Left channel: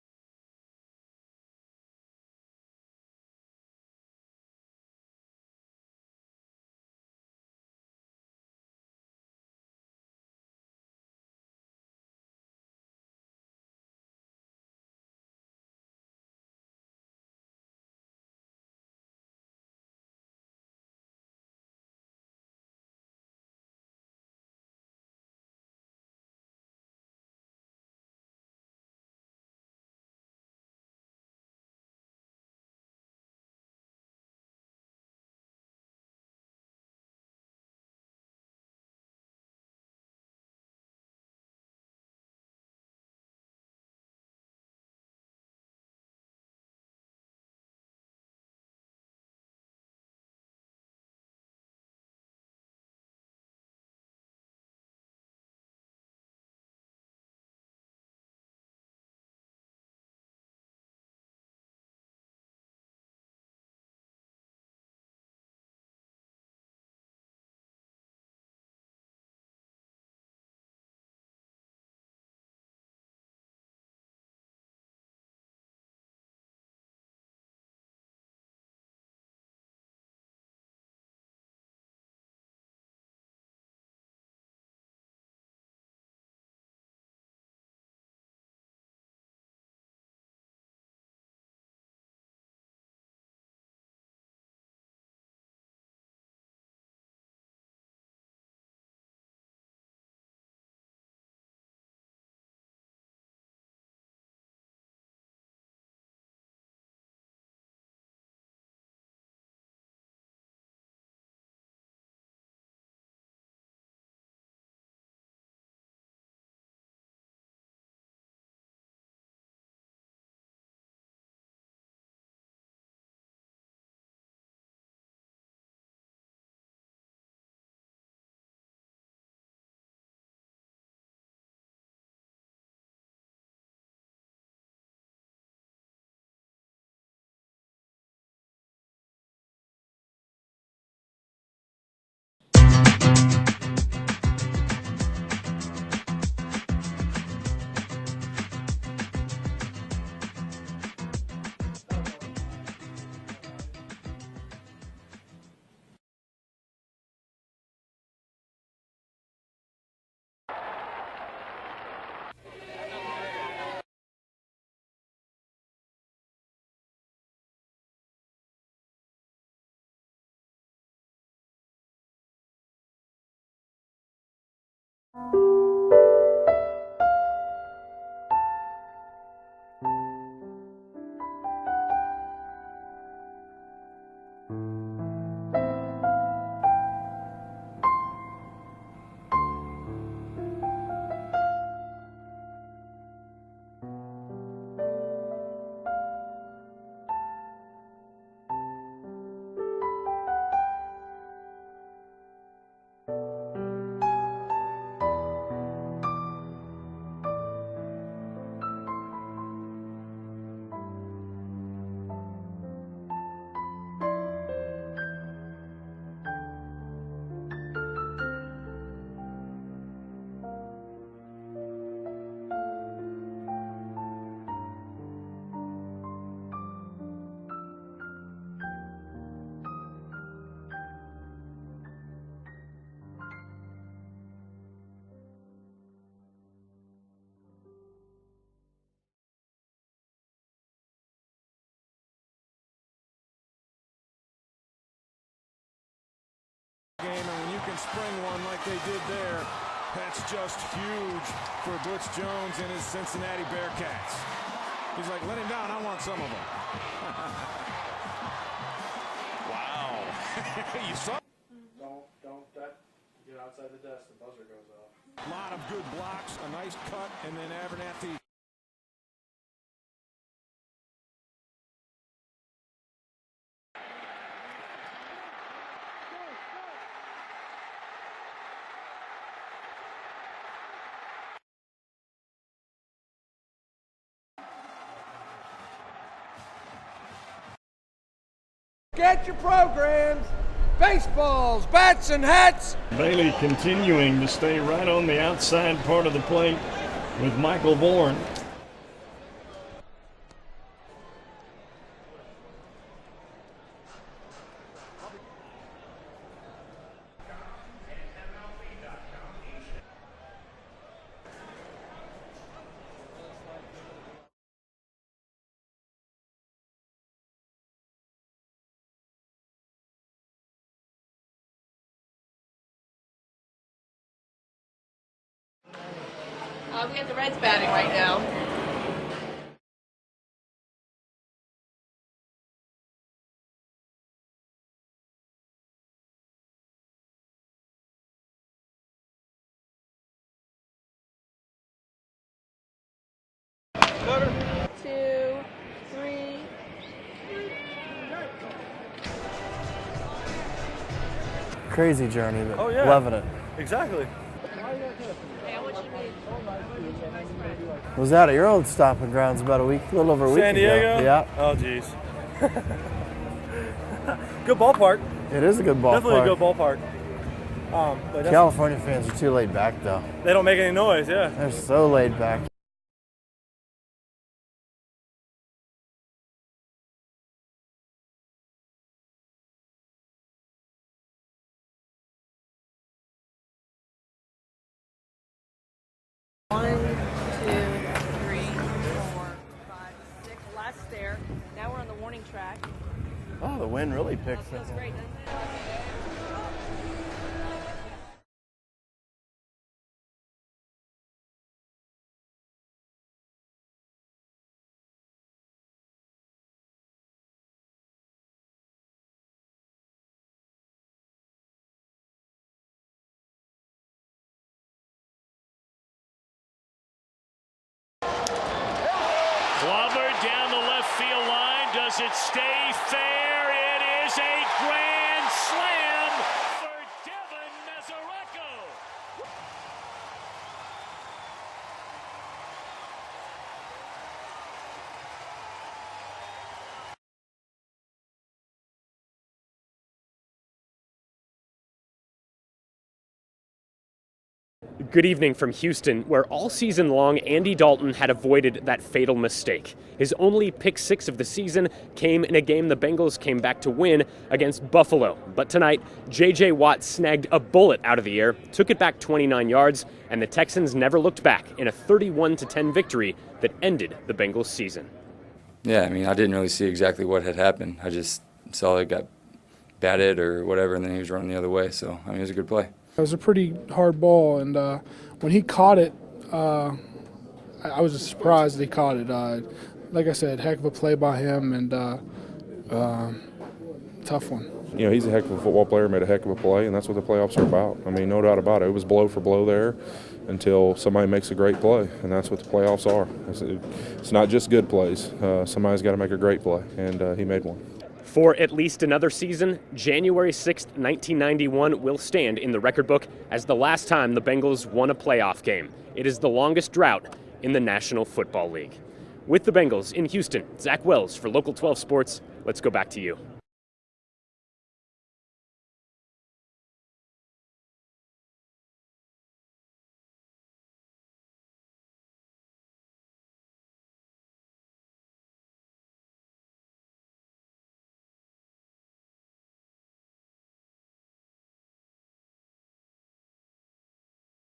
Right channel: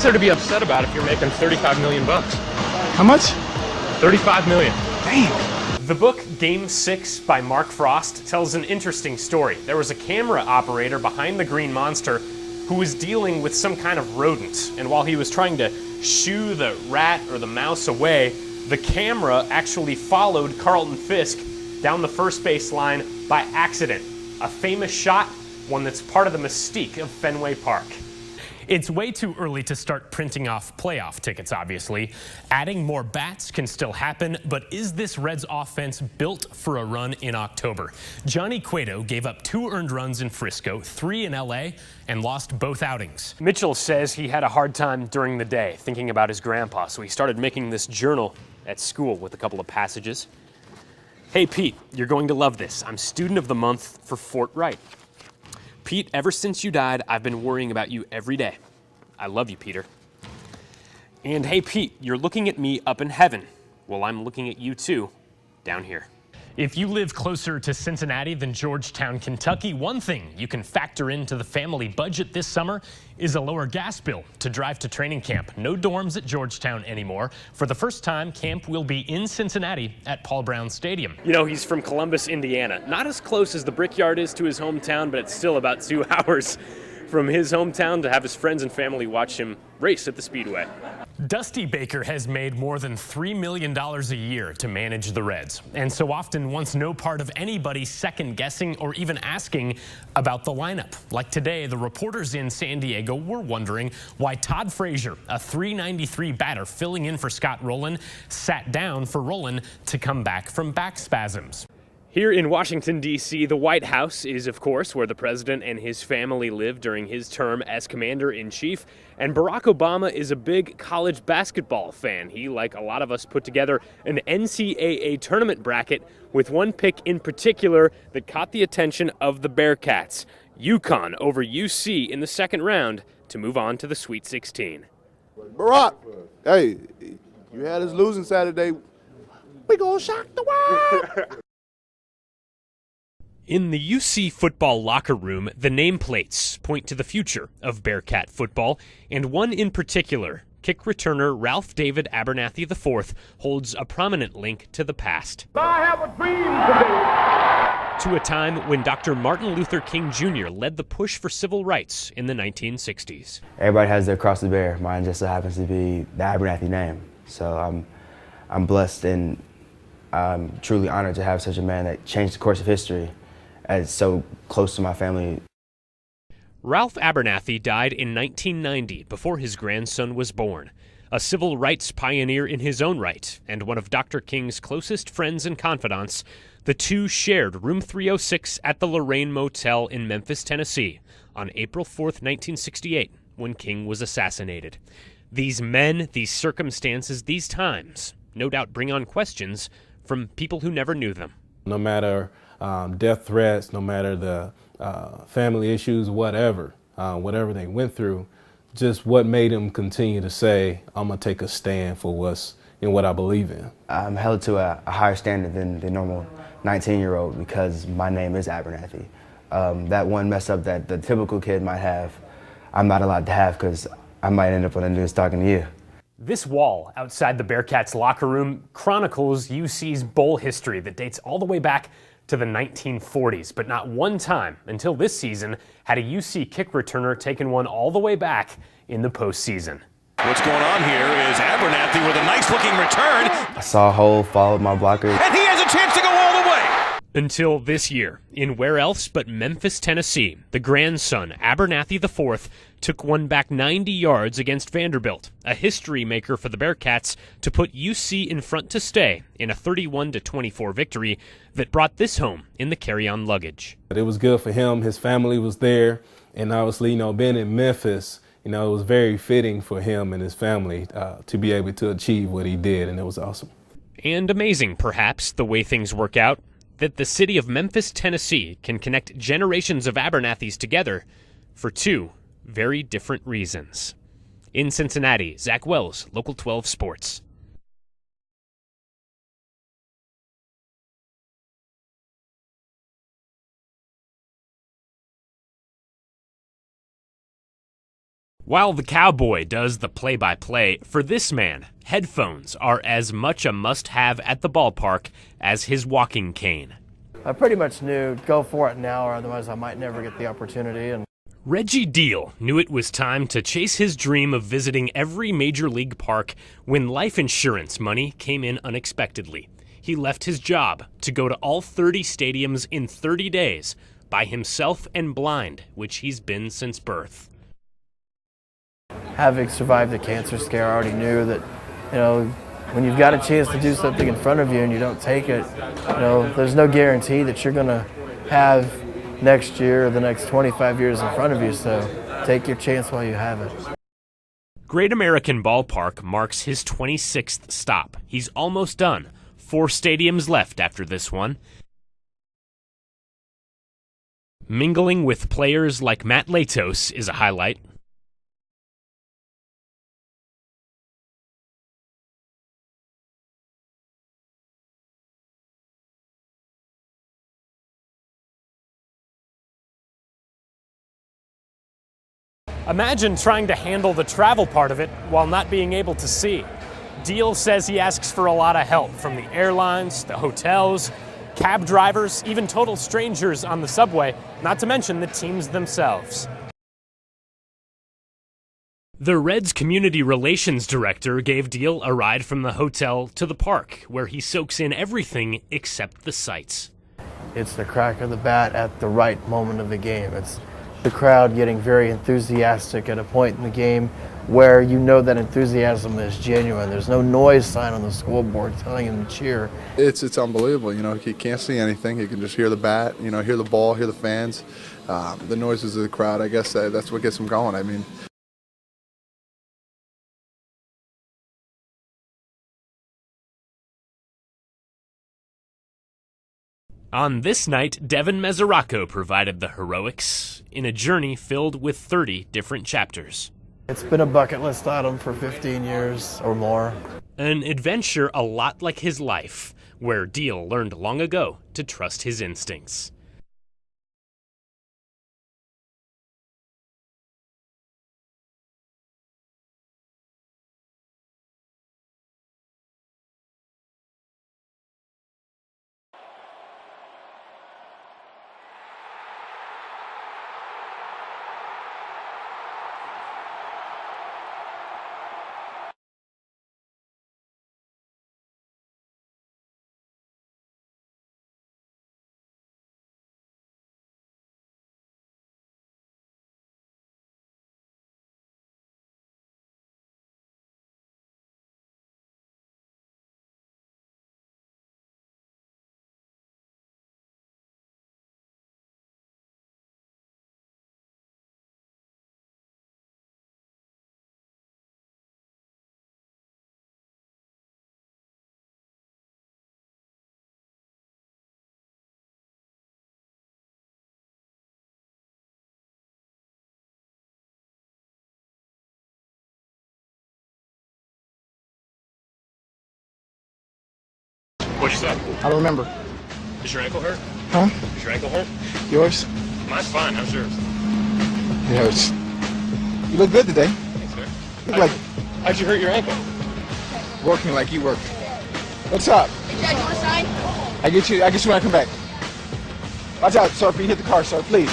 What's there to be upset about if you're making 35 million bucks? How much? 35 million. Damn. The book Game 6 by Mark Frost tells an interesting story. There was a camera operator behind the Green Monster who was dealing with some kind of rodent, and while he was trying to shoo the rat or the mouse away, the camera actually followed Carlton Fisk down the first base line by accident. A famous shot, one that's part of the mystique of Fenway Park. It's way too early to start printing off playoff tickets, obviously. Adding more bats can still happen, but is this Reds offense built for a run in October? Johnny Cueto gave up 2 earned runs in Frisco, 3 in LA, and lost both outings. Mitchell says he had a hard time during the day thinking about his grandpa, so he started making this journal at school with a couple of passages. Hey, Pete, you're going to love this. I'm student of the month for Fort Wright. Pete, ever since you died, I've been worrying about you every day. I love you, Peter. And hey, Pete, you're looking at me up in heaven. Well, I'm looking at you too, down here. If you live closer to Cincinnati than Georgetown, Kentucky, one thing you can factor into the family budget this summer is a lower gas bill to drive to training camp. No dorms at Georgetown anymore. For the first time, camp will be in Cincinnati at Paul Brown Stadium. You know, he's from Columbus, Indiana. Not as close as the Brickyard is to his hometown, but it's still about 2 hours from his hometown to have his friends and family watch him race at the Speedway. Dusty Baker has made more than $3 million a year to manage the Reds, and so often wants no part of anybody second-guessing or even asking about the lineup. Like today, the reporters in San Diego were wondering why Todd Frazier, a .393 batter filling in for Scott Rowland, sat down for Rowland to come back from back spasms. Here in Washington, D.C., the White House is, of course, where the president and his family lived during his term as commander-in-chief. And Barack Obama is a big college basketball fan. He, like a lot of us, put together an NCAA tournament bracket with one pick in particular that caught the attention of the Bearcats. UConn over UC in the second round to move on to the Sweet 16. Barack, hey, you had us losing Saturday. We gonna shock the world. In the UC football locker room, the nameplates point to the future of Bearcat football, and one in particular, kick returner Ralph David Abernathy IV, holds a prominent link to the past. I have a dream today. To a time when Dr. Martin Luther King Jr. led the push for civil rights in the 1960s. Everybody has their cross to bear. Mine just so happens to be the Abernathy name. So I'm blessed and I'm truly honored to have such a man that changed the course of history as so close to my family. Ralph Abernathy died in 1990 before his grandson was born. A civil rights pioneer in his own right, and one of Dr. King's closest friends and confidants, the two shared room 306 at the Lorraine Motel in Memphis, Tennessee, on April 4th, 1968, when King was assassinated. These men, these circumstances, these times, no doubt bring on questions from people who never knew them. No matter death threats, no matter the family issues, whatever they went through, just what made them continue to say, I'm gonna take a stand for what I believe in. I'm held to a higher standard than the normal 19-year-old because my name is Abernathy. That one mess up that the typical kid might have, I'm not allowed to have because I might end up on the news talking to you. This wall outside the Bearcats locker room chronicles UC's bowl history that dates all the way back to the 1940s, but not one time until this season had a UC kick returner taken one all the way back in the postseason. What's going on here is Abernathy with a nice-looking return. I saw a hole, followed my blocker. And he has a chance to go all the way. Until this year, in where else but Memphis, Tennessee, the grandson, Abernathy IV, took one back 90 yards against Vanderbilt, a history maker for the Bearcats, to put UC in front to stay in a 31-24 victory that brought this home in the carry-on luggage. It was good for him. His family was there, and obviously, being in Memphis, it was very fitting for him and his family to be able to achieve what he did, and it was awesome. And amazing, perhaps, the way things work out, that the city of Memphis, Tennessee can connect generations of Abernathys together for two very different reasons. In Cincinnati, Zach Wells, Local 12 Sports. Get your programs, baseballs, bats, and hats. Bailey continuing to stay right on the outside part of the plate. with Michael Bourne. While the Cowboy does the play-by-play, for this man, headphones are as much a must-have at the ballpark as his walking cane. I pretty much knew, go for it now, or otherwise I might never get the opportunity. And Reggie Deal knew it was time to chase his dream of visiting every major league park when life insurance money came in unexpectedly. He left his job to go to all 30 stadiums in 30 days by himself and blind, which he's been since birth. The Reds batting right now. having survived the cancer scare, I already knew that, when you've got a chance to do something in front of you and you don't take it, there's no guarantee that you're going to have next year or the next 25 years in front of you, so take your chance while you have it. Great American Ballpark marks his 26th stop. He's almost done. 4 stadiums left after this one. Crazy journey, but loving it. Exactly. Mingling with players like Matt Latos is a highlight. Was out at your old stomping grounds about a little over a week San Diego? ago. Yeah. Oh, geez. Good ballpark. It is a good ballpark. Definitely a good ballpark. But California fans are too laid back, though. they don't make any noise, yeah. They're so laid back. Imagine trying to handle the travel part of it while not being able to see. Deal says he asks for a lot of help from the airlines, the hotels, cab drivers, even total strangers on the subway, not to mention the teams themselves. 1, 2, 3. The Reds community relations director gave Deal a ride from the hotel to the park, where he soaks in everything except the sights. It's the crack of the bat at the right moment of the game. It's the crowd getting very enthusiastic at a point in the game where you know that enthusiasm is genuine. There's no noise sign on the scoreboard telling him to cheer. It's unbelievable. He can't see anything. He can just hear the bat, hear the ball, hear the fans, the noises of the crowd. I guess that's what gets him going. I mean, Glover down the left field line. Does it stay fair? It is a grand slam. On this night, Devin Mesoraco provided the heroics in a journey filled with 30 different chapters. It's been a bucket list item for 15 years or more. An adventure a lot like his life, where Deal learned long ago to trust his instincts. Good evening from Houston, where all season long Andy Dalton had avoided that fatal mistake. His only pick 6 of the season came in a game the Bengals came back to win against Buffalo. But tonight, J.J. Watt snagged a bullet out of the air, took it back 29 yards, and the Texans never looked back in a 31-10 victory that ended the Bengals season. Yeah, I didn't really see exactly what had happened. I just saw it got batted or whatever, and then he was running the other way. So, it was a good play. It was a pretty hard ball, and when he caught it, I was just surprised that he caught it. Like I said, heck of a play by him, and tough one. He's a heck of a football player, made a heck of a play, and that's what the playoffs are about. No doubt about it. It was blow for blow there until somebody makes a great play, and that's what the playoffs are. It's not just good plays. Somebody's got to make a great play, and he made one. For at least another season, January 6th, 1991 will stand in the record book as the last time the Bengals won a playoff game. It is the longest drought in the National Football League. With the Bengals in Houston, Zach Wells for Local 12 Sports. Let's go back to you. What'd you say? I don't remember. Is your ankle hurt? Huh? Is your ankle hurt? Yours? Mine's fine. How's yours? It hurts. You look good today. Thanks, sir. You look like How'd you hurt your ankle? working like you work. What's up? Hey, Dad, you want a sign? I get you when I come back. Watch out, sir. If you hit the car, sir, please.